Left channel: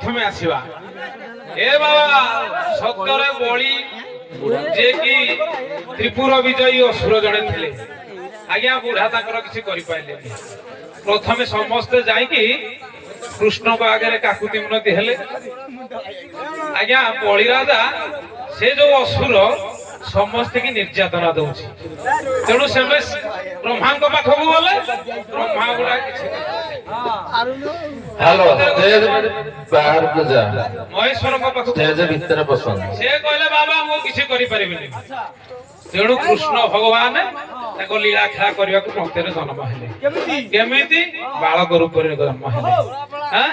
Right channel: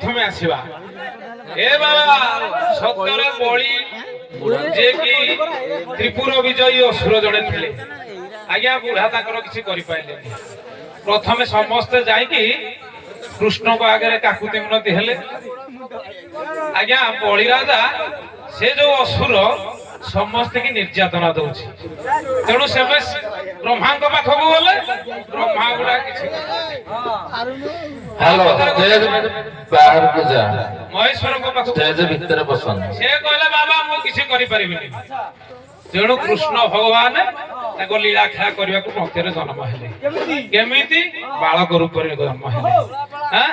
प्रथमे आसीबा ए बाबा सतरे बळी जे कि त्रिपुर विजयी असुर जड़े थे आज्ञा बुढ़ा ताकर किसी करि पाइले प्रथमे समस्त जाई कि कृष्ण को आगे काकुति मिनती हेले आज्ञा बळी राजा से जो असुर समस्त की निर्यातना दउछि तेणु से ब्रह्मा पाखक गले ब्रह्मा गुड़ा किसी हेलो स्टेज बाहर को जा महेश्वर को पाखक स्टेज भीतर बसन से कहले बाबा मो किसी करि परिबिनी तेणु कृष्ण भगवान ताको लीला खेला करबा को भक्तिर जन्म हेले केमिति बालक रूप रे जन्म हेले हां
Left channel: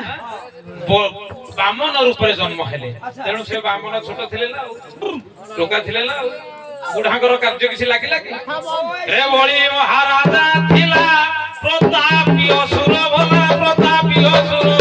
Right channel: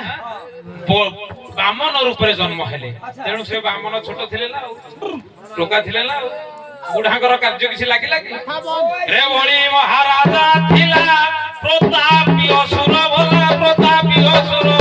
बामन रूप रे जन्म हेले तेणु से बामन छोट थिले ना टोका थिले ना बुढ़ांकर कार्य किसी लागिला कि रे बळी महाराजा थिला प्रतापी असुर भला प्रतापी असुर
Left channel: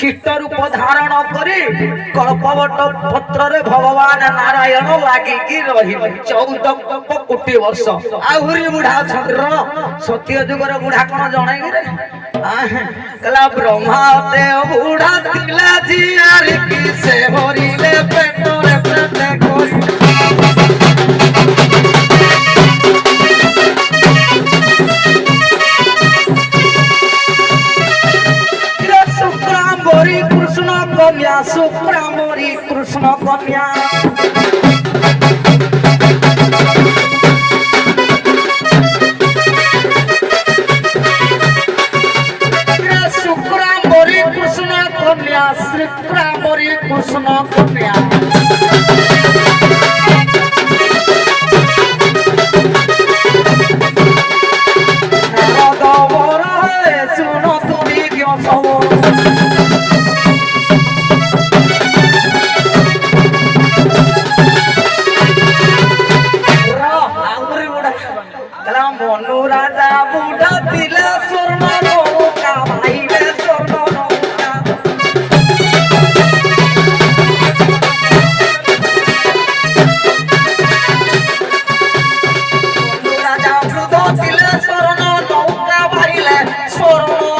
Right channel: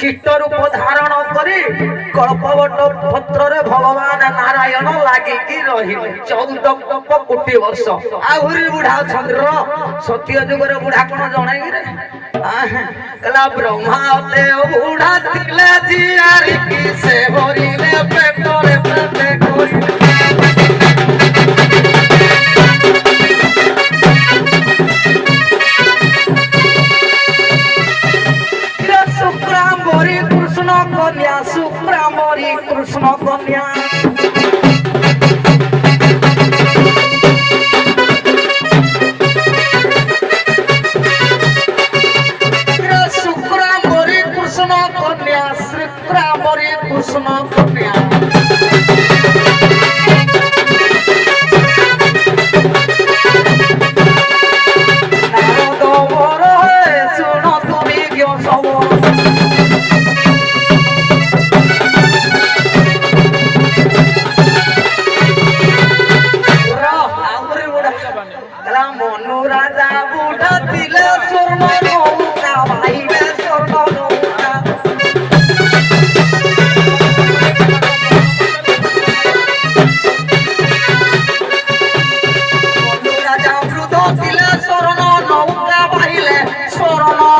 कीट रूप धारण करी कल्पवट पत्र रे भगवान नारायण लागिकी रही 14 कोटी वर्ष आहुरी बुढ़ा चंद्र सत्य जुगर बुढ़ा कौन जन रे कला ब्रह्मा देव बुढ़ा तिला जियारी की से हरिले पेटरे पेटे कोई सुप्रामरी कृष्ण कन्या शुक्रामरी कृष्ण कन्या श्रीक्रामरी कृष्ण कन्या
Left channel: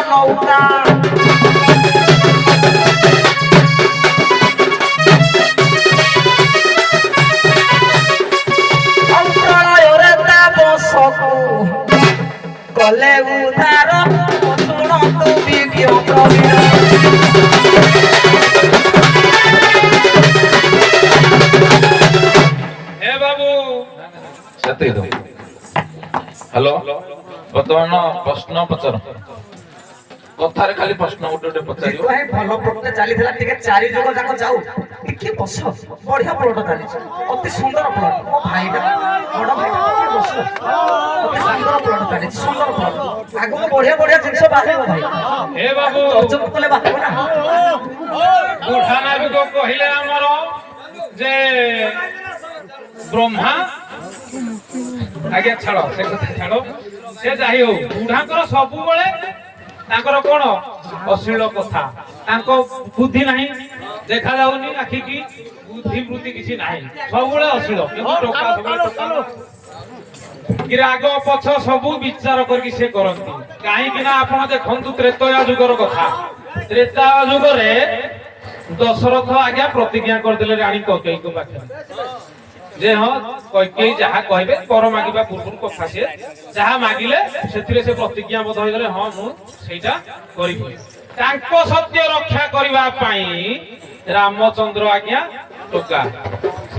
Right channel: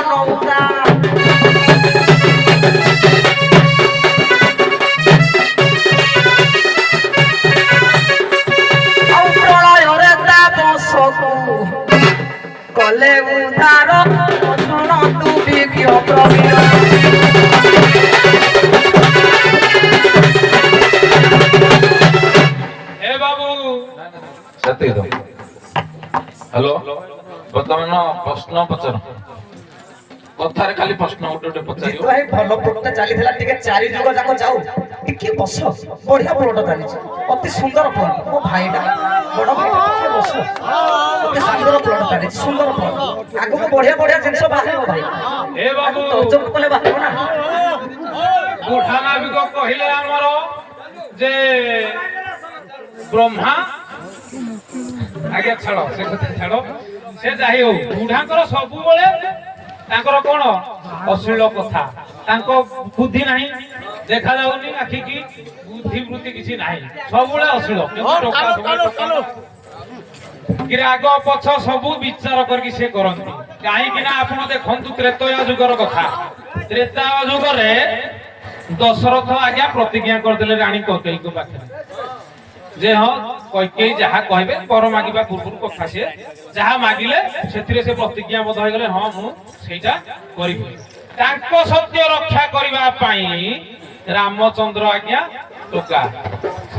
Nova. ପୁତ୍ର ବିରାଜି। ଏ ବାବୁ ସେତିକି ତ। ହ୍ୟାଲୋ ବର୍ତ୍ତମାନ ପ୍ରଶ୍ନ ପଚାର କଥାରେ ଖାଲି ପ୍ରଶ୍ନ ଗୋଟେ ପଚାରିବ ଭାଇ ଭଲ ପ୍ଲଟଟା ଚାଲିଥିଲା ଟିକେ 4 ଯୁଗ ଯାକ ଯାଉ ଟିକେ ବସ ବଢିଆ ପ୍ଲଟ ଚାଲିଛି ଅତି ସୁନ୍ଦର ପ୍ଲଟ ମୋ ଭାଇଟା ବଡ ଭାଇଟା ଟିକେ ବସ ଅତି ସୁନ୍ଦର ପ୍ଲଟ ଚାଲିଛି ସୁନ୍ଦର ପ୍ଲଟ ଆଗକୁ ବଢିଆ ବଢିଆ ଜିନିଷ ବାହାରିବ ଭାଇ ଏ ବାବୁ ତର୍ଜମା କଲେ ବାହାରିବ ନା ବୁଢା ନାବିକ କହିଲେ ଆମର ଯେ ବ୍ରହ୍ମା ଆଜ୍ଞା ଛାଡ ସେ କଥା ଛାଡ ସେ ଯାଇ ହଉ ବୁଢାଙ୍କର ସବୁବେଳେ ତାଙ୍କର କଣ ଅଶ୍ଳୀଳ କଥା ତାଙ୍କ ବୁଦ୍ଧି ନାହିଁ ଦେଖାଯାଉନି ଆଖିକି ବୁଦ୍ଧି ବୃତ୍ତି କିଛି ନାହିଁ ସବୁବେଳେ ଅଶ୍ଳୀଳ କିନ୍ତୁ ଟଙ୍କା ସବୁବେଳେ ଟଙ୍କା କି ରାଗ ପଛ ସବୁ ବିଚାର କରିକି ସେ କରନ୍ତି କାହିଁକି ନା ଆପଣ ଦେଖନ୍ତୁ ତ୍ରେତୟା ଯୁଗର କଥା ତ୍ରେତୟା ଯୁଗରେ ଦଶରଥ ଆଜ୍ଞା ପ୍ରତିଜ୍ଞା କରିଦେଲେ ରାଣୀ କୈକେୟୀଙ୍କ ପାଖରେ ଯେ ହଁ କୈକେୟୀ ଯାହା କହିବେ ବର ମାଗିବା ପୂର୍ବରୁ କଥା ସିଏ ଯାହା ମାଗିଲେ ସେଥିରେ ସେ ପ୍ରତିଜ୍ଞାବଦ୍ଧ ହୋଇଗଲେ ହଁ ମୁଁ ସେଇଟା କରିବି ତାଙ୍କ ସତ୍ୟ ରକ୍ଷା କରିବା ପାଇଁ ରାମଚନ୍ଦ୍ର ଆଜ୍ଞା ଟୋକା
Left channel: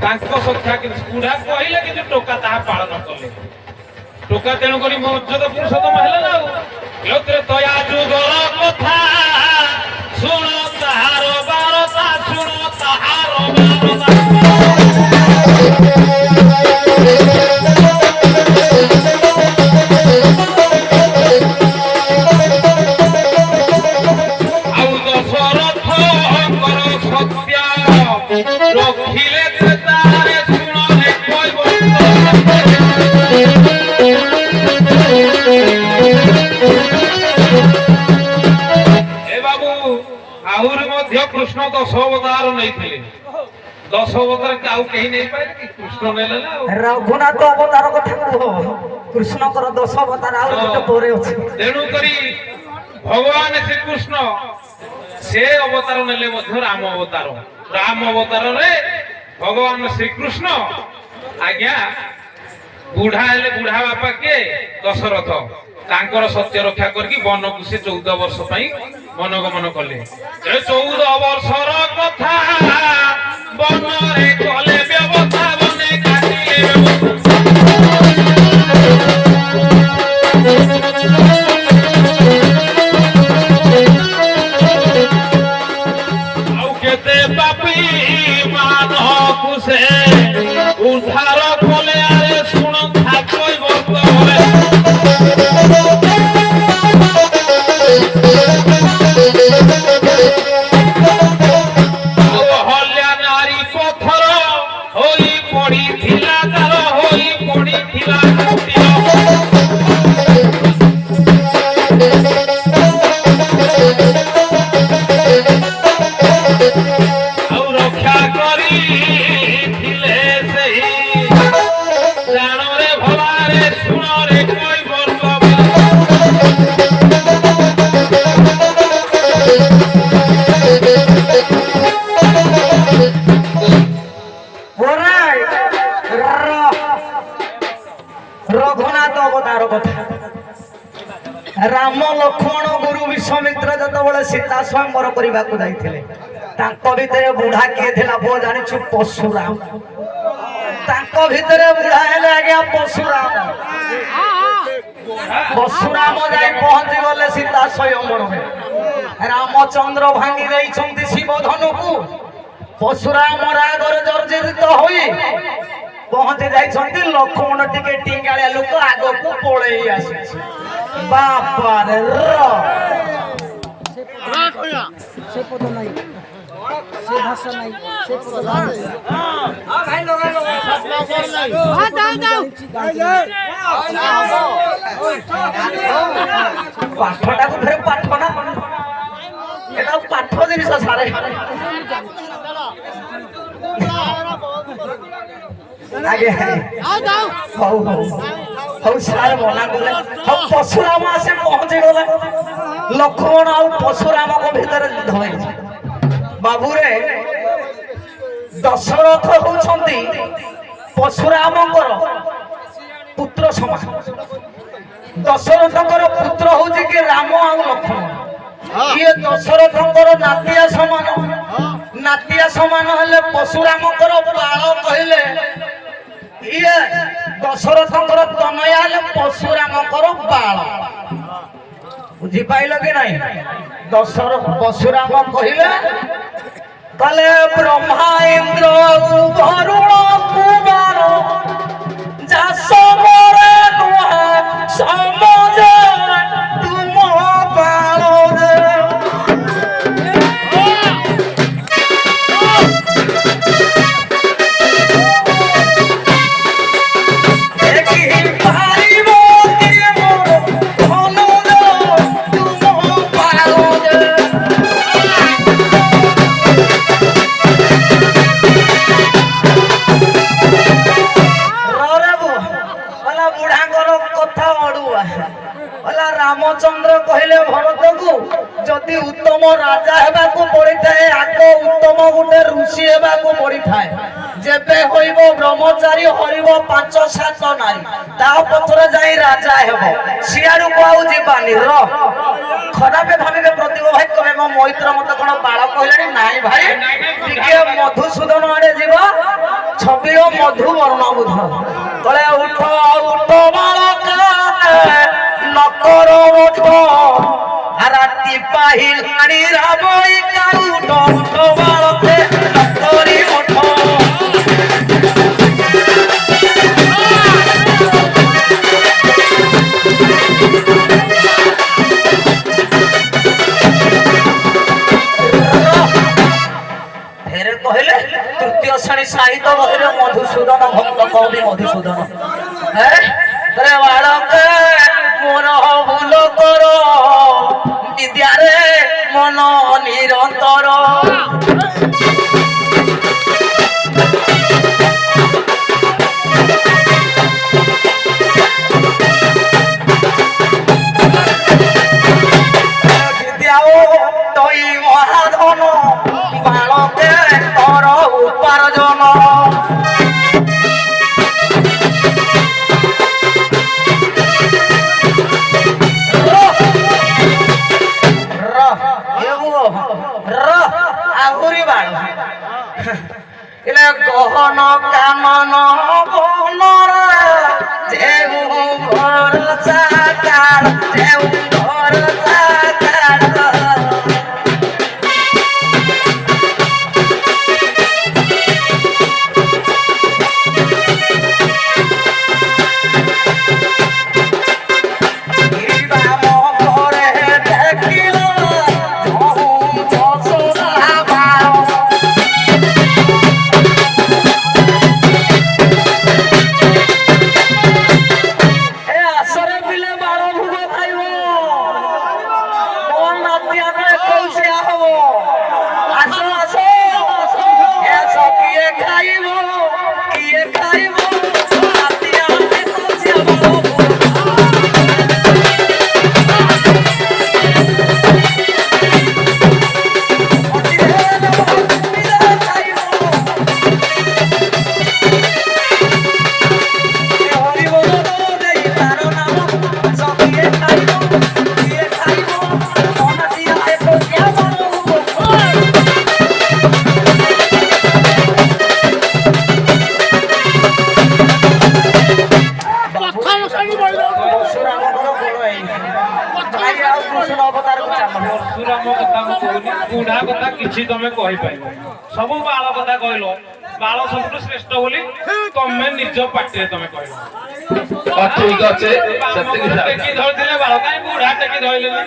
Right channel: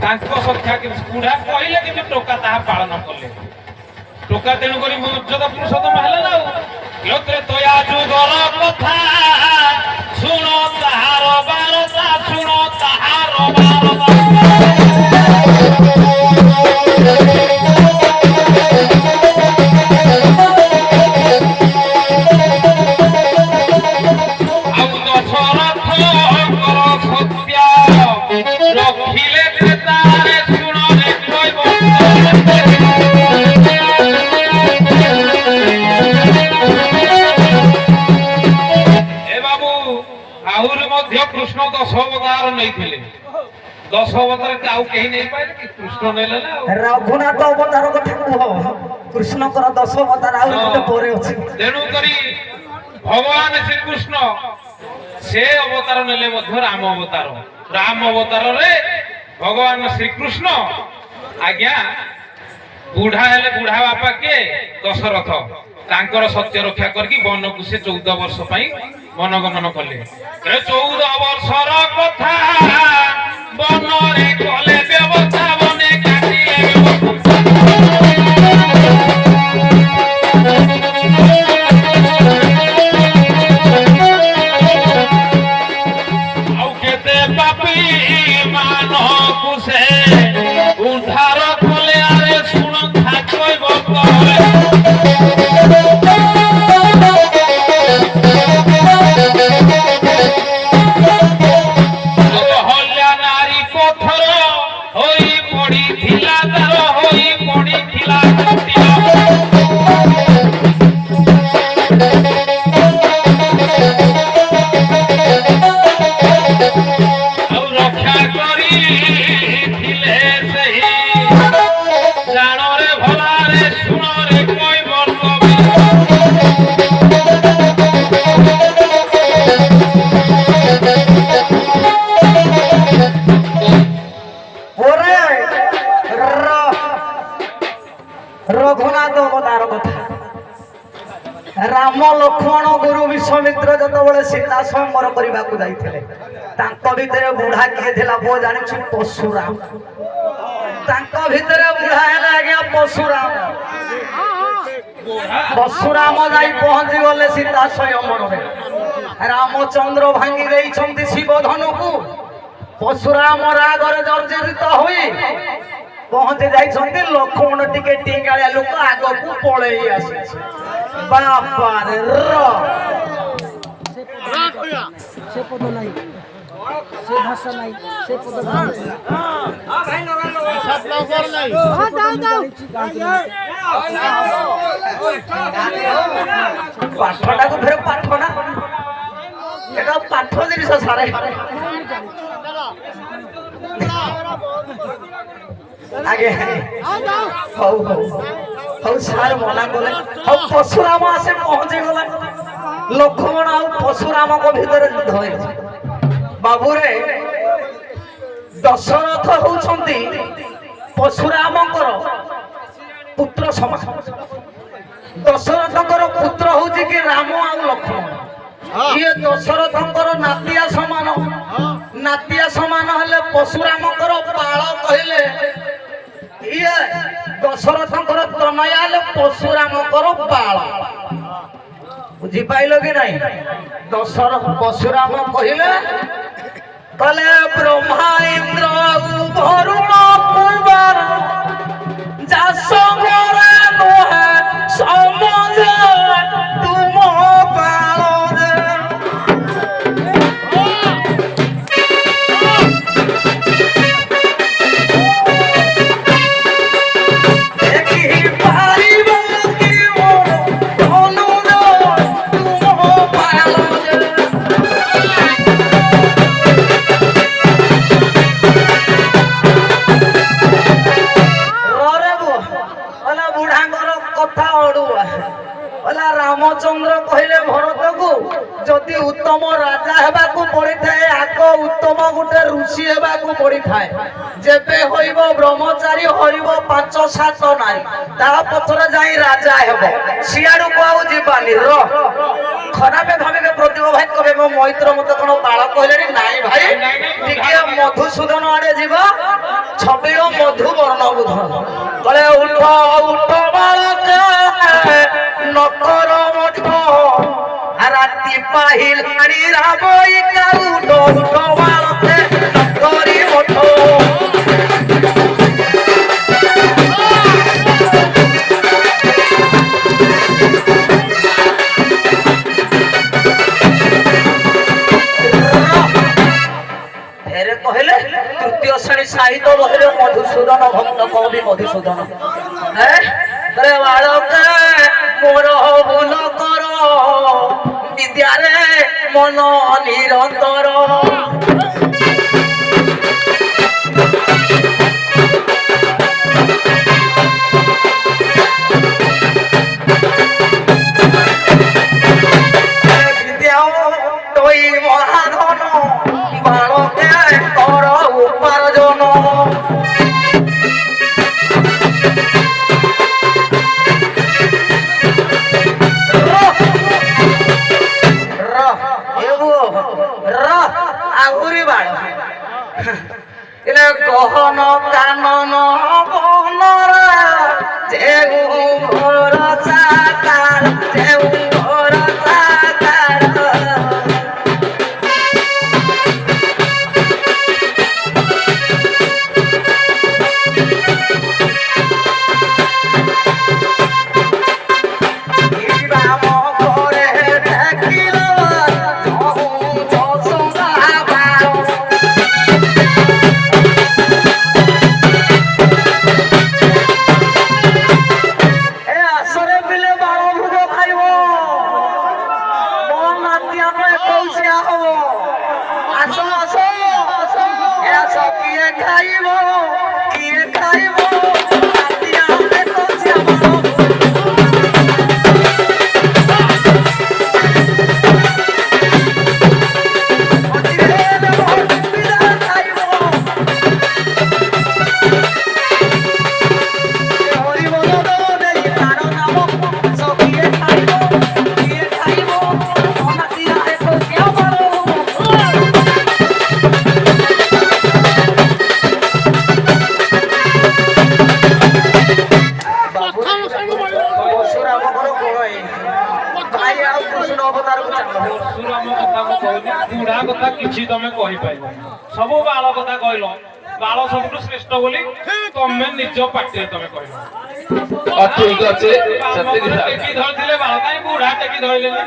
ତାଙ୍କ ସତ୍ୟା କିନ୍ତୁ ବୁଢା କହିଲେ କିନ୍ତୁ ଟୋକା ତାହା ପାଳନ କଲେ ଟୋକା ତେଣୁକରି ମର୍ଯ୍ୟାଦା ପୁରୁଷୋତ୍ତମ ହେଲେ ନା ଆଉ ତ୍ରେତୟା ଯୁଗର କଥା ଶୁଣ ତାହାର ବାରତା ଶୁଣ ତାହାର ବାରତା ଆଉ ଦଶରଥଙ୍କର ସତ୍ୟ ରଖିଲେ ତ୍ରେତାରେ ଶୁଣରେ କହିବ ଆହୁରି ମଧ୍ୟ କୃଷ୍ଣ 10 ଅବତାର ନେଇଥିଲେ 10 ଅବତାର ଆଉ କେହି ନେଇପାରିଲେ କି କୃଷ୍ଣ ନେଲେ ନା ରଘୁନାଥ ଅବତାର କଥା କୁହ କୃଷ୍ଣଙ୍କର 10 ଅବତାର ଆଉ ଗୋଟେ ପରେ ଅଛି ତେଣୁ କରି ଭଗବାନ ଶ୍ରୀକୃଷ୍ଣ ସେ ଅବତାର ନେଲେ ମଧ୍ୟ ରାମ ଅବତାରରେ ଭଗବାନ ଶ୍ରୀକୃଷ୍ଣ ଆଜ୍ଞା ବୁଢା ହେଲେ ବୁଢା ବାପା କିଏ ଦଶରଥ ତାଙ୍କର ସତ୍ୟ ରକ୍ଷା କରିକି ବନକୁ ସେ 14 ବର୍ଷ ପାଇଁ ମନଗମନ କଲେ 14 ବର୍ଷର କଥା ବନରେ କଲେ ବ୍ୟବସ୍ଥା ବନେ କାଟିଲେ ଆଉ କେତେ ପାପୀ ମାନକୁ ସେ ଉଦ୍ଧାର କଲେ ଆରେ ଶୁଣ ଥାକଇ ବର୍ତ ରଘୁନାଥ ଅବତାର କଥା ରାମ ଲକ୍ଷ୍ମଣ ଗୁରୁ ବିଶ୍ୱାମିତ୍ର ଯେତେବେଳେ ସୀତା ସ୍ୱୟଂବର କରିବାକୁ ଯାଇଥିଲେ ତାଙ୍କ ଭିତରେ ବୁଢା କିଏ ଥିଲା ପୁଅ ଜାଣିଛୁ ପଶୁରାମ ତାଙ୍କ ଭିତରେ ବୁଢା ହେଲେ ଆଜ୍ଞା ପଶୁରାମ ଯାଇ ପହଞ୍ଚି ଗଲେ ସୀତା ସ୍ୱୟଂବରରେ ରାମଚନ୍ଦ୍ର ଭାଙ୍ଗି ଦେଇଛନ୍ତି ଶିବ ଧନୁକୁ ପଶୁରାମ ରାଗରେ ଜର୍ଜରିତ ହୋଇ ପହଞ୍ଚି ଯାଇଛନ୍ତି ଲକ୍ଷ୍ମଣ ଟିକେ ଟିଙ୍ଗାଳିଆ ଲୋକ ଆଗକୁ ପଳେଇ ଆସିଛି ବାପାରେ ପାଠଟାକୁ ଫେର ପାଠ ନା এটা পাঠ্য জিনিস সারে আগে হও হও হও সার মনা কলে হও পশুরাম আসে পৌঁছে গলে লক্ষ্মণ আর পশুরামଙ୍କ ভিতরে যুদ্ধ হয়েছে বাবুরে দশরথ হউছন্তি পশুরামଙ୍କର পুত্র সমান দশরথଙ୍କର পুত্র হଉଛି କି ରାମ ଆଉ ଲକ୍ଷ୍ମଣ ଇଏ ଦଶରଥଙ୍କର ନାତିଆ ସମାନ। ନାତିଆ ସମାନ ହେଲେ ପଶୁରାମଙ୍କର ବାଳ କହିଲେ, ଇଏ ଦଶରଥଙ୍କର ତନୟା ହେଲେ ପଶୁରାମଙ୍କର ବାଳ। ବୁଝିପାଇଲ କି ନାଇଁ? ପଶୁରାମ କହିଲେ ବ୍ରହ୍ମା ଇନ୍ଦ୍ର ବରୁଣ କୁମାର ଯାସବରେ ନୁହେଁ ସମଜ ତୁମ ବାଳରେ। ରାମଚନ୍ଦ୍ର କହିଲେ ଭରତକୁ, ଯଦି ଉତ୍ତମ ରାଜା ହେବାକୁ ପଡିଥାଏ ଆଗ ଉତ୍ତମ ଗୋଟେ ଋଷି ହେବାକୁ ପଡିଥାଏ। ଯେବେ ହଇବ ବ୍ରହ୍ମଚାରୀ ହରିବ 5-7 ନାରୀ, ତା ପଛରେ ଯାଇ ରାଜା ହେବ। ସିଆଡକୁ ଆଉ ଯିବାନି। ଖରାପ ଭାବିବେ ପ୍ରତିଭ ଭାଇ, କହିବେ ମୋ ମୈତ୍ର ମତେ କଣ ବାଳ କହିଲେଣି? ନାଇଁ ଭାଇ, ଟିକେ ମଧୁସୂଦନ ଆଡେ ଯିବ, ଛବିଳ ମଧୁ ବର୍ଣ୍ଣ ବୁଧ। କଳେ ଉଠ ଉଠ ବାଳକ ନକର ମଠ, ରାତି ପାହିଲାଣି ରାବଳିକା ଉଠ ଉଠ ବାଳକେ ନକରି ମଠ। କହିଲେ ତୃତୀୟ ଶ୍ରେଣୀ ସାହିତ୍ୟ ବହିରେ ମଧୁସୂଦନ ଭକ୍ତ କବି ମଧୁସୂଦନ ବାଳକ ମୋର ଭୁଲ କର ବିଦ୍ୟାରେ ମନ ନିରନ୍ତର। ବିଦ୍ୟା ତৈ ମହାଧନ ବାଳକେ କର ଉପାର୍ଜନ। ଆହୁରି ବାଳ ଗହନ କାନନ ବନର ଯେଉଁ ଭରସା କାଳ ଯେଉଁ ଭରସା କାଳ। ବୁଢା କଥା କିଛି ତମେ କହିପାରିବ, ସବୁ ବାଳ କଥା କହିଲ। ବାଳ ସବୁଠୁ ଶ୍ରେଷ୍ଠ ବୋଲି ତମେ ନିଜ ପାଟିରେ ତମେ କହିଲ। ଠିକ ଅଛି, ଟେକି ଧରିଥିଲେ ବାଳ, କାହିଁ ବୁଢା ଟେକି ଧରିଲେନି?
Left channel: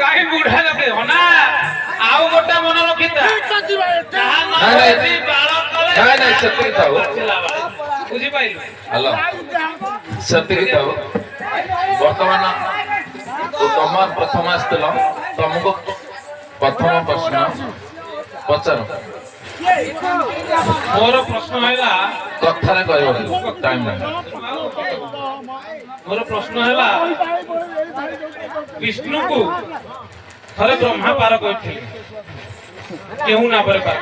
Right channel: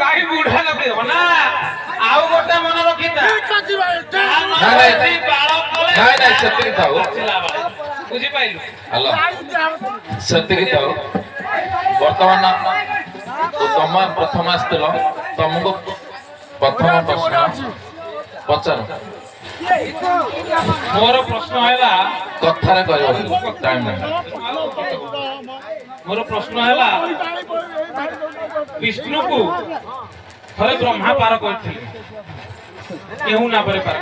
କାହିଁ ବୁଢା ଟେକି ଧର ନା? ଆଉ ଗୋଟେ ମନେ ରଖିଥା, ସେତିକି ଥାଉ। ବୁଝିପାରିଲୁ? ହ୍ୟାଲୋ, ସେତିକି ଥାଉ। ବର୍ତ୍ତମାନ ତମେ ପ୍ରଥମ ଆସିଥିଲ, ତମକୁ ପ୍ରଥମ ପ୍ରଶ୍ନ ପଚାର। ମୋର ପ୍ରଶ୍ନ ହେଲା, କଥାରେ କହିବ, ଟାଇମ୍ ନାହିଁ। ମୋର ପ୍ରଶ୍ନ ହେଲା, ବିଷ୍ଣୁକୁ ଥରେ ବ୍ରହ୍ମା ପାର କରିଥିଲେ, କେଉଁ ନାମରେ ପାର?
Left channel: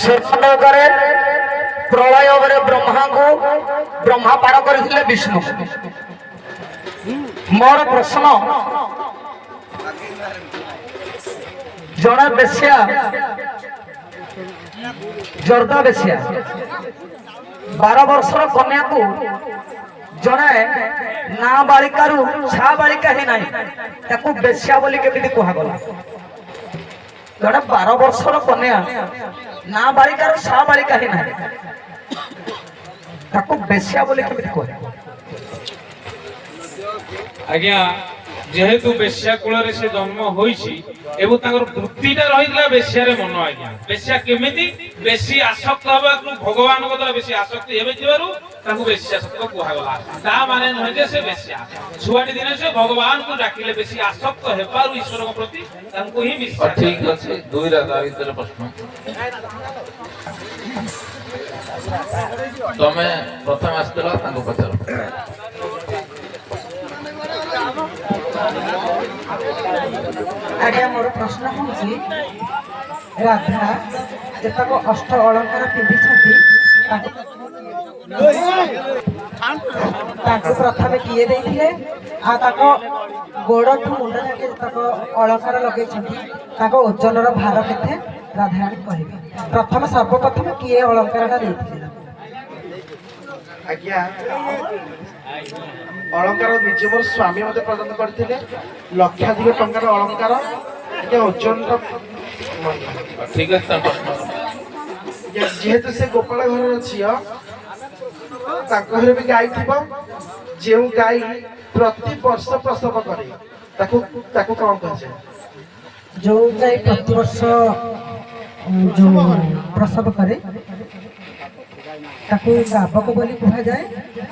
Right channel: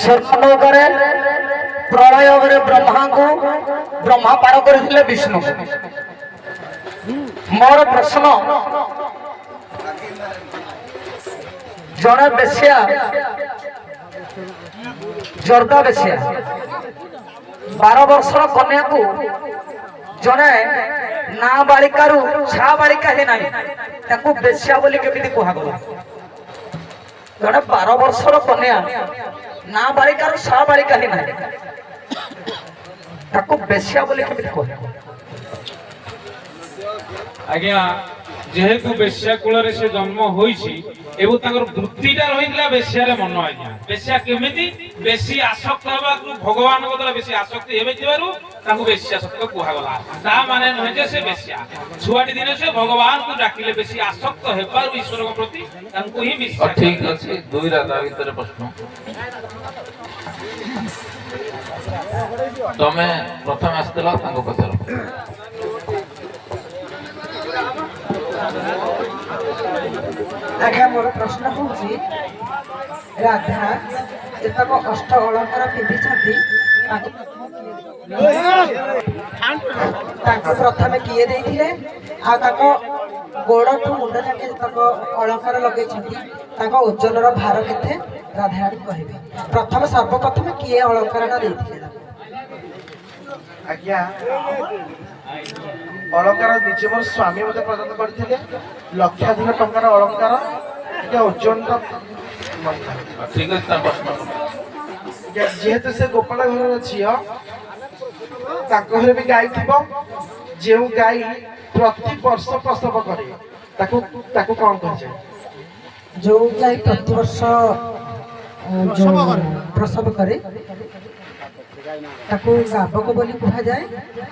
ସ୍ୱର୍ଣ୍ଣଲୋକରେ ପ୍ରଳୟରେ ବ୍ରହ୍ମା ପାର କରିଥିଲେ ବିଷ୍ଣୁ। ମୋର ପ୍ରଶ୍ନ ଜଣେ ବେଶ୍ୟା ଜର୍ଦା ବେଶ୍ୟା 12 ବର୍ଷର କନ୍ୟାକୁ ଜଣେ ନାବାଳିକାରୁ ଛାବାଳିକା ହିଁ ନାହିଁ ତାକୁ ବେଶ୍ୟା ବୋଲି କେମିତି କୁହାଗଲା? ଜଣେ 12 ବର୍ଷର କନ୍ୟା ନାବାଳିକାରୁ ଛାବାଳିକା ହିଁ ନାହିଁ ତାକୁ ବେଶ୍ୟା ବୋଲି କେମିତି କୁହାଗଲା? ଆଜ୍ଞା ଯେହେତୁ ବେଶ୍ୟା କୂଳରେ ସେ ଜନ୍ମ ହୋଇଛି ଏବଂ ତାଙ୍କର ବୃତ୍ତିଟା ରହିଥିଲା ବେଶ୍ୟାରେ ମନ। ଆଜ୍ଞା ବେଶ୍ୟା କେମିତି ବେଶୀ ଆସକ୍ତ ହେବାକୁ ଭଗବାନଙ୍କ ଦ୍ୱାରା ବେଶୀ ଆସକ୍ତି ହେଉଥିବାରୁ ତାଙ୍କୁ ବେଶ୍ୟା ସତ୍ୟ କୁହାଗଲା। ତା ମାନେ ନୁହେଁ ଯେ ସେ ବେଶ୍ୟା। ଛୁଆଟି ଦିନେ ସେ ଭଗବାନଙ୍କୁ ଡାକିଲେ ବେଶୀ ଆସକ୍ତ ହେବାରୁ ଈଶ୍ୱରଙ୍କ ପ୍ରତି ତାଙ୍କୁ ହିଁ ବିଶ୍ୱାସ। ଠିକ ଅଛି ଦୁଇଟା ତା ଭିତରେ ପ୍ରଶ୍ନ। ତମେ ପ୍ରଥମେ ଆସିଥିଲ ତାଙ୍କୁ ପଚାର। ଆଜ୍ଞା ମୋର ପ୍ରଶ୍ନ ହେଉଛି ରାଧା ଯେତେକ ଅଷ୍ଟ ଅଳଙ୍କାର ପିନ୍ଧିଛନ୍ତି ତାଙ୍କୁ ପ୍ରଥମେ କିଏ ଦେଇଥିଲେ ଆଉ ତାଙ୍କ ଗୋଡ଼ଠୁ ମୁଣ୍ଡ ଯାକେ ଯେତେକ ଅଳଙ୍କାର ଲଗେଇଛନ୍ତି ତାଙ୍କ ଓଜନର ଭାର କେତେ ରାଧାରାଣୀ କହିବେ? ପ୍ରଥମେ ସର୍ବପ୍ରଥମେ କିଏ ଅଳଙ୍କାରଟା ଦେଇଥିଲେ? ଆଜ୍ଞା ଅଳଙ୍କାର ନିଜ ମୋର ସ୍ୱାମୀ ମୋତେ ପ୍ରଦାନ କରିଥିଲେ ଲକ୍ଷାଧିକ ଟଙ୍କାର ଅଳଙ୍କାର ଟିକେ ଓଜନ ଠିକ ଅଛି ତା ପ୍ରଶ୍ନ। ଯେହେତୁ ସେ ଗୋପାଳ ଘରର ଝିଅ ତାଙ୍କ ଘରେ ବି ଗାଈ ଥିବ ଯେଉଁ ଗାଈ ପ୍ରତି ବର୍ଷ ପ୍ରସବ କରେ ତାକୁ ତାକୁ କ'ଣ କୁହାଯାଏ? ଯୋଉ ଗାଈ ପ୍ରତିବର୍ଷ ପ୍ରସବ କରେ ତାକୁ ଗାବକ ବୋଲି କୁହାଯାଏ।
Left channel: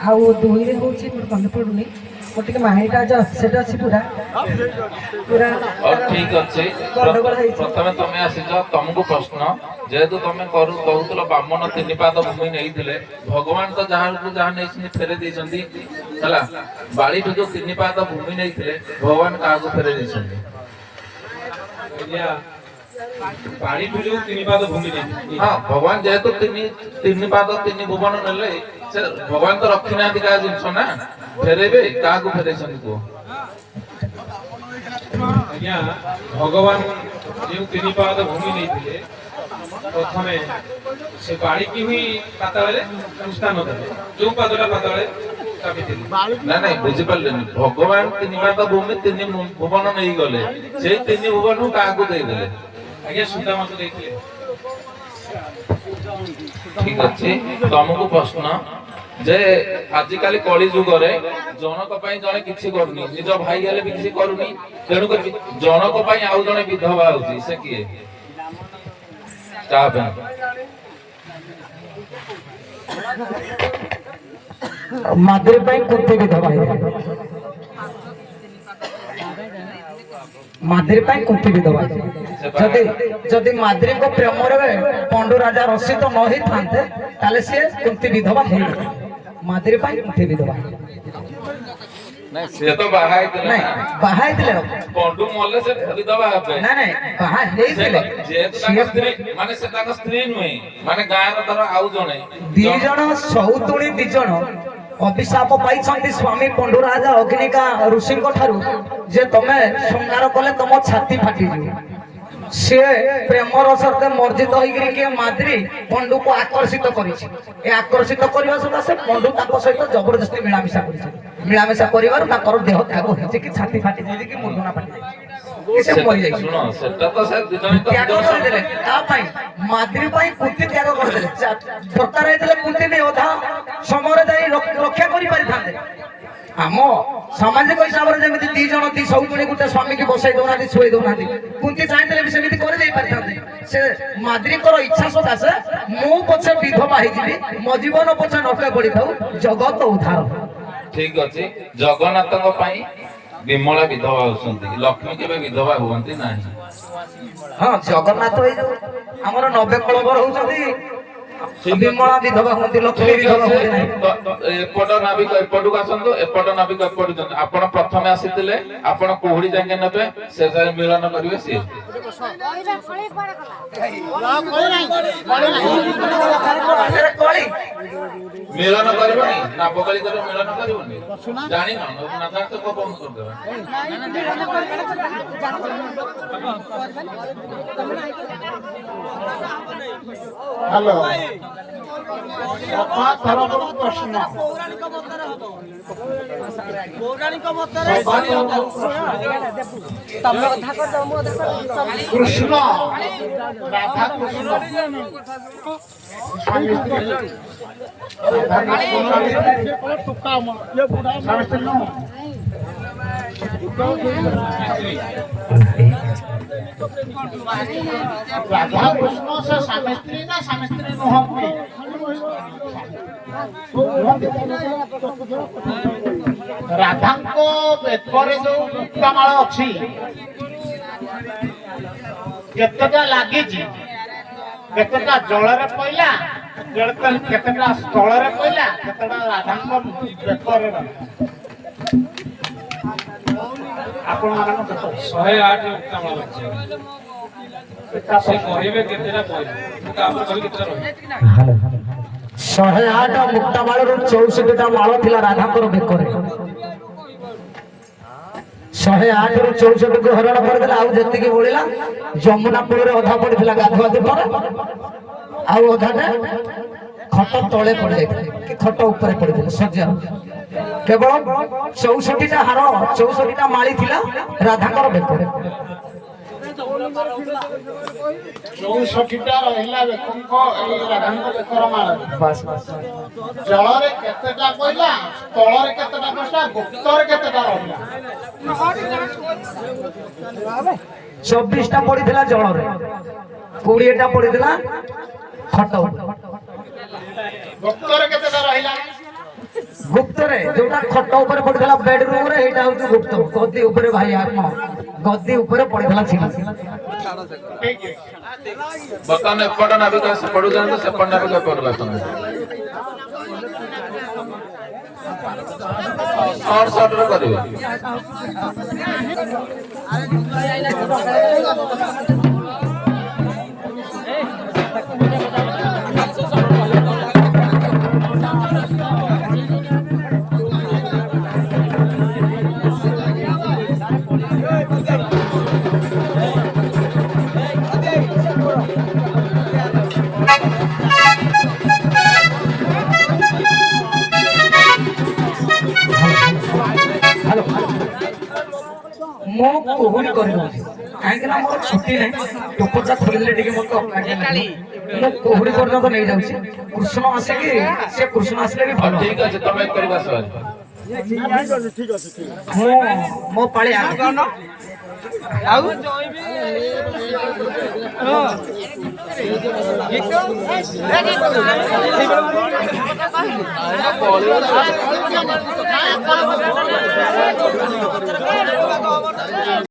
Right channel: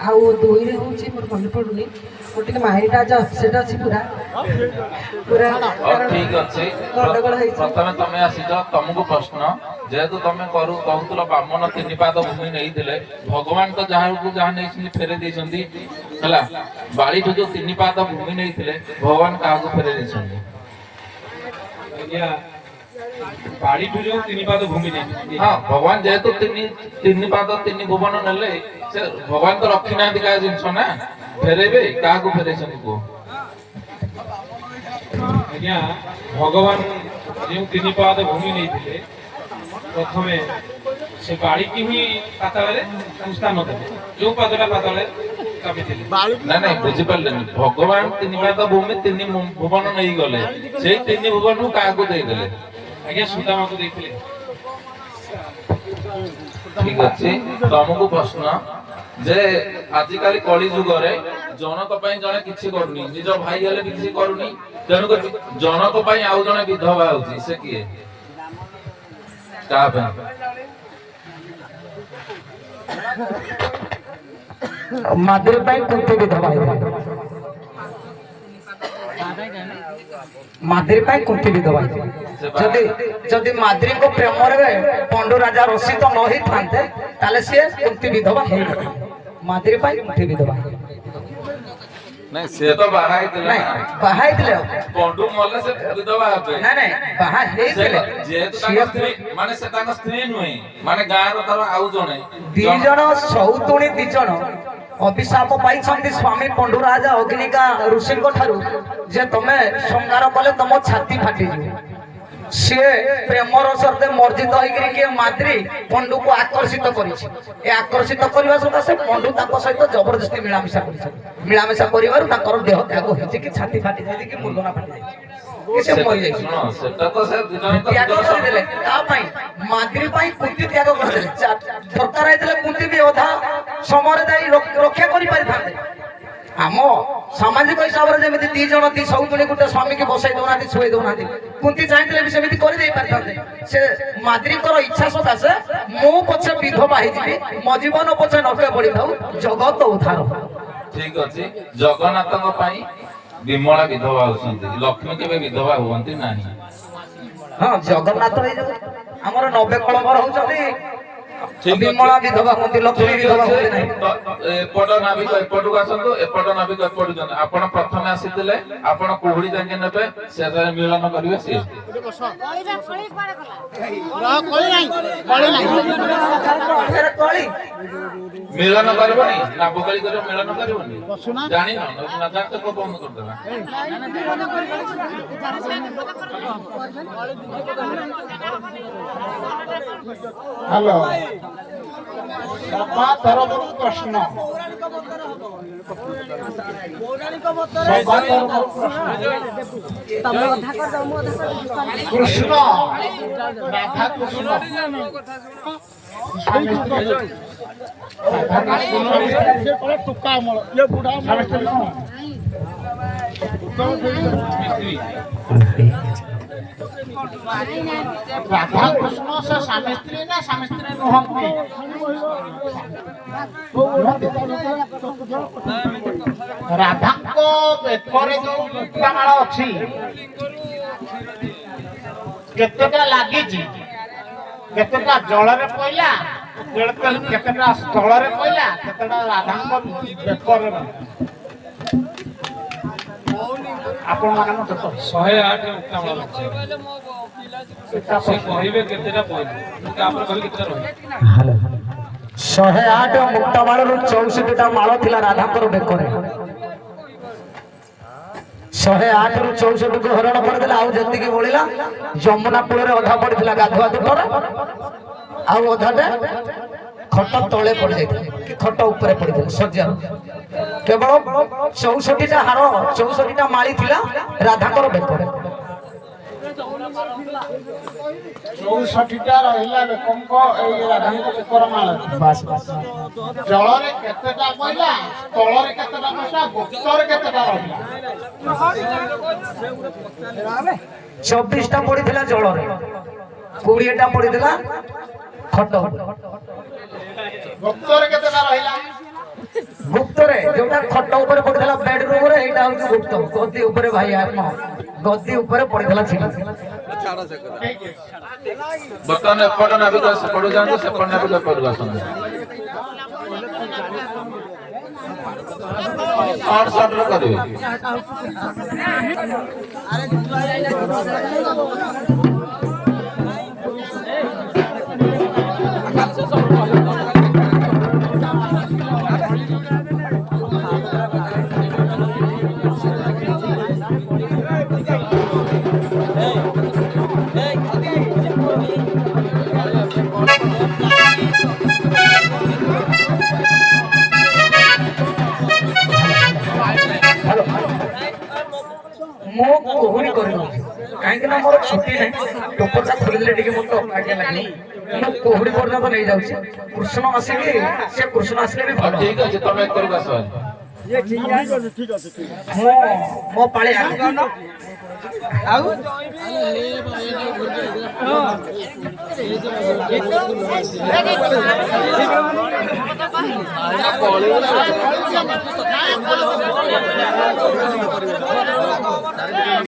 ଆଉ ଦୁଇରେ ହଉଛି ମୋର ମନେ ପଡୁନି ମୋର ଟିକେ ମାଇଣ୍ଡଟା ଆଜି ଅପସେଟ୍ ଅଛି ପୁରା ଠିକ ଅଛି ଗଣ୍ଡଗୋଳ ହେଇଛି। ପ୍ରଥମେ ତମେ ଆସିଛ ତମକୁ ପ୍ରଶ୍ନ ଯେହେତୁ ତମେ କହୁଥିଲ ବାମନ 3 ପାଦ ଭୂମି ନେଇଥିଲେ ଭଗବାନ ତ ଯାହାକୁ ଯାହା ନେଇଛନ୍ତି ଫେରେଇ ଦେଇଛନ୍ତି ହେଲା। ବାଳିଠୁ ଯୋଉ 3 ପାଦ ଭୂମି ନେଇଥିଲେ ଭଗବାନ କାହାକୁ ଫେରେଇ ଦେଇଛନ୍ତି? ଆଜ୍ଞା ବାଡ଼ିଠୁ ଯୋଉ 3 ପାଦ ଭୂମି ନେଇଛନ୍ତି ହଁ ଭଗବାନ ଯେହେତୁ 3 ପାଦ 3 ଭୁବନ ନେଲେ ସେ ଭଗବାନ ତ ରଖି ନାହାନ୍ତି କାହା ଜିନିଷ ନା ଫେରେଇବେ କାହାକୁ ଫେରେଇଛନ୍ତି କୁହ? ଆଜ୍ଞା ଭଗବାନ ଯେଉଁ 3 ପାଦ ଭୂମି ନେଇଥିଲେ ପ୍ରଥମେ ସେ ବାଡ଼ିକି ହିଁ ପାତାଳରେ ସ୍ଥାନ ଦେଲେ ଯୋଉ ପାଦଟା ପାତାଳରେ ଚାବିଥିଲେ। ନାଇଁ ବୁଝିପାରିଲେନି ଭଗବାନ 3 ପାଦ ଭୂମି 3 ଭୁବନ ନେଇଗଲେ ସେଇ 3 ଭୁବନକୁ କାହାକୁ ଦେଇଦେଲେ? ଆଜ୍ଞା ସୁଦାମାକୁ ଦେଇଥିଲେ। ଠିକ ଅଛି ତମକୁ ପ୍ରଶ୍ନ ଯେ ଆଜିକାଲି କଳି ଯୁଗରେ ଜଣକ ପାଇଁ ଜଣେ କିଛି କରୁନି ନିଜ ଭାଇ ହେଲେ ବି କିଛି କରୁନି ତେଣୁକରି ଜଣକ ପାଇଁ ଆଉ ଜଣେ ବିଧବା ହଉଛି ସେ କିଏ? କାହା ପାଇଁ? ମାଦ୍ରୀ ପାଇଁ କୁନ୍ତି ବିଧବା ହେଇଥିଲେ। ମାଦ୍ରୀ ପାଇଁ କୁନ୍ତି ବିଧବା ହେଇଥିଲେ। ଯଦି ମାଦ୍ରୀଙ୍କ ପ୍ରେମରେ ପଣ୍ଡୁ ରାଜା ରସିତ ନ ହେଇଥାନ୍ତେ ତାହେଲେ ସିଏ କୁନ୍ତି ବିଧବା ହେଇଥିଲେ। ମାଦ୍ରୀ ପାଇଁ କୁନ୍ତି ବିଧବା ନାଇଁ ସେ ତ ବାହା ହେଇଥିଲେ ନାଇଁ ବାହା ହେଇଥିଲେ ପଣ୍ଡୁ ମଲେ ସେ ବିଧବା ହେବେ। ନାଇଁ ବାହା ହେଇଥିଲେ ଯେହେତୁ ତାଙ୍କ ସ୍ତ୍ରୀ ମାନେ ସେ ତାଙ୍କ ସ୍ତ୍ରୀ ନୁହେଁ ମାନେ ଗାଁର ଧର ଆଉ ଜଣେ 2 ଜଣ ସଉତୁଣୀ 2 ଜଣ ଅଭିଶାପ ପାଇଛନ୍ତି ସ୍ୱାମୀ ପଣ୍ଡୁ ରାଜା ଅଗ୍ନିକା ଋଷିଙ୍କ ଠାରୁ ଯେ ତମେ ଶୃଙ୍ଗାର କଲେ ତମ ଛାତି ଫାଟିଯିବ। ସେ ପ୍ରେମର ସହିତ ମର୍ଜିତ ହେଇକିରି କିଏ ମାଦ୍ରୀ ପଣ୍ଡୁକୁ ଆକର୍ଷିତ କରିଛି। ଏ ଆକର୍ଷିତ କରିବା ସକାଶେ ପଣ୍ଡୁ ତାଙ୍କ ସହିତ ଜବରଦସ୍ତି ମିଳାମିଶା କରିছে। ମିଳାମିଶା କରିବାରୁ ତାଙ୍କର ଦେହ ତ୍ୟାଗ ହେଇଛି କି ଛାତି ଫାଟି ଯାଇଛି କି ମୁଣ୍ଡନା ଫାଟି ଯାଇଛି ସେ ମରିଯାଇଛି। ଶୁଣ ସେଟା ତ ସେ ଦିଜଣଙ୍କ ତ୍ୟାଗ କରିଦେଲେ ତା ପାଇଁ ମାଦ୍ରୀ ପାଇଁ କୁନ୍ତି ତ୍ୟାଗ କରିଦେଲେ। ଦରକାର ହେଇଥିଲେ କୁନ୍ତି ବି ଅଧା ସମୟରେ ଯାଇ ରକ୍ଷା କରିପାରିଥାନ୍ତେ। ଆମ ସାମାଜିକ ହିସାବରେ ଯେମିତି 2 ଜଣ 2 ସଉତୁଣୀ ଗୋଟେ ସ୍ୱାମୀକି ବସାଇ ଦଉନାହାନ୍ତି ଶୁଆଇ ଦଉନାହାନ୍ତି କୁନ୍ତି ଚାହିଁଥିଲେ ବି ସେମିତି କରିଦେଇ ପାରିଥାନ୍ତେ। ସେ ମାଦ୍ରୀଙ୍କର ଇଚ୍ଛା ସକାଶେ ମୁଁ ପଛେ ବିଧବା ହେଇଯିବି ମୋ ଜୀବନ ପଛେ ନଷ୍ଟ ପଡିଥାଉ ଜଗତ ଉଦ୍ଧାର। ଠିକ ଅଛି ଜଗନ୍ନାଥଙ୍କ ପାଇଁ ବିମଳା ବିଧବା ହଉଛନ୍ତି ଲକ୍ଷ୍ମୀ କେବେ ବିଧବା ହୁଅନ୍ତି ନାହିଁ। ହଁ ଜଗନ୍ନାଥ ଆମର 90 କଳବର ହଉଛନ୍ତି ବିମଳା ବିଧବା ହୁଅନ୍ତି, ଲକ୍ଷ୍ମୀ ବିଧବା ହୁଅନ୍ତି ନାହିଁ। ଏପଟ ନାବିକ ଏପଟକୁ ଆସନ୍ତୁ, ଏପଟ ନାବିକ ଏପଟକୁ ଯାଆନ୍ତୁ। ଆପଣ ପ୍ରଥମେ ଆସିଥିଲେ, ଆପଣ କୁହୁଡି ଯାକେ ନେବେ, ସେଠାରେ ମିଳନ କରିବେ ସିଏ। କଳି ମିଳନ କରିବନି, ନାବକାଳି କରିବ, ମିଳନ କରିବନି। ଜାଣିନ ନା ଜାଣିତ ବନ୍ଦ କରିଦେବା। ହ୍ୟାଲୋ ସଭା ତରଫରୁ ପ୍ରଶ୍ନ। କୃଷ୍ଣ ରାଧା କୃଷ୍ଣ ରାଧା କୃଷ୍ଣ ସେ ସ୍ୱାମୀ ସ୍ତ୍ରୀ ନା ସ୍ୱାମୀ ସ୍ତ୍ରୀ ନୁହନ୍ତି? ରାଧାଙ୍କ ବେକରେ ଯୋଉ ମୁକ୍ତାମାଳ ଅଛି କେତେଟା ଲାଗିଛି? କେତେଟା ଜଳରେ ପଇଲା, କେତେଟା ସ୍ଥଳରେ ପଇଲା, କେତେଟା ରାଧାଙ୍କ ବେକରେ ଆପଣ ମାନଙ୍କ ବେକରେ 108 ଉକ୍ତାମାଳ ଅଛି। ସେ କହିବେ କେତେଟା ପଇଲା, ମୁଁ ତାପରେ କହିବି କେତେଟା ରହିବ। 108 ମୁକ୍ତାମାଳରୁ 64ଟା ମାଳ ଥିଲା ରାଧାଙ୍କର ବେକରେ। 108ରୁ 64କୁ ହରଣ କରିଦେଲା, ଆଉ ଯେତିକି ବଳିଲା ଯମୁନା କୂଳରେ ଅଧା ପଡିଥିଲା ଗାଧୁଆ ଦୁପରେ, ଆଉ ଅଧାଟେ ଖଟ ତଳେ ପଡିଯାଇଥିଲା, ଖଟ ଉପରେ ପଡିଥିଲା ସଜ୍ଜା। କେବଳ 64ଟା ହାର, 64ଟା ମାଳି ଥିଲା ରାଧାଙ୍କର ବେକରେ। 64ଟା ରହିଲା ବେକଙ୍କ ଏଇ ରାଧାଙ୍କ ବେକର ମାଳ। ଜଳରେ କେତେଟା ପଇଲା, ସ୍ଥଳରେ କେତେଟା ପଇଲା, ଗୁପ୍ତରେ କେତେଟା ରହିଲା? 24ଟା ପଡିଥିଲା ଜଳରେ, 20ଟା ପଡିଥିଲା ଖଟ ଉପରେ। ଗୁପ୍ତରେ କେତେଟା ରହିଲା? ଗୁପ୍ତରେ ଯୋଉଟା ଖଟ ଉପରେ ପଡିଥିଲା ବେଡରୁମ ରେ, ଏଇଟା ହଉଛି ଗୁପ୍ତ। ଗଦି ଉପରେ ଭାଇ ଆତ୍ମ ଗଦି ଉପରେ ପଡିଥିଲା ଥିଲା। ବର୍ତ୍ତମାନ ଏପଟ ନାବିକ ସେପଟକୁ ଯାଆନ୍ତୁ, ସେପଟ ନାବିକ ଏପଟକୁ ଆସନ୍ତୁ। ସର୍ଟ କରିବେ। ମୁଁ କୁହୁଡ଼ି କରିନଥିଲି, କାହିଁକି ନା ମୋର ଛୁଟି ନାହିଁ। ଟୋପଟା ଖୋଲିଲେ ଟିକେ ମତେ ଅବାଗିଆ ଲାଗିବ। ମୁଁ କୁହୁଡ଼ି ପର୍ଯ୍ୟନ୍ତ ନେଇଯାଉଛି। କୃଷ୍ଣ ଆସିକି, ସେ କୃଷ୍ଣ ଆସିଲେ ବି ଭଲ। ଠିକ ଅଛି, ତମେ ଏକରକୁ ଆସ। ମୁଁ ମୋ ପାଳି ଆଗ ଆଉ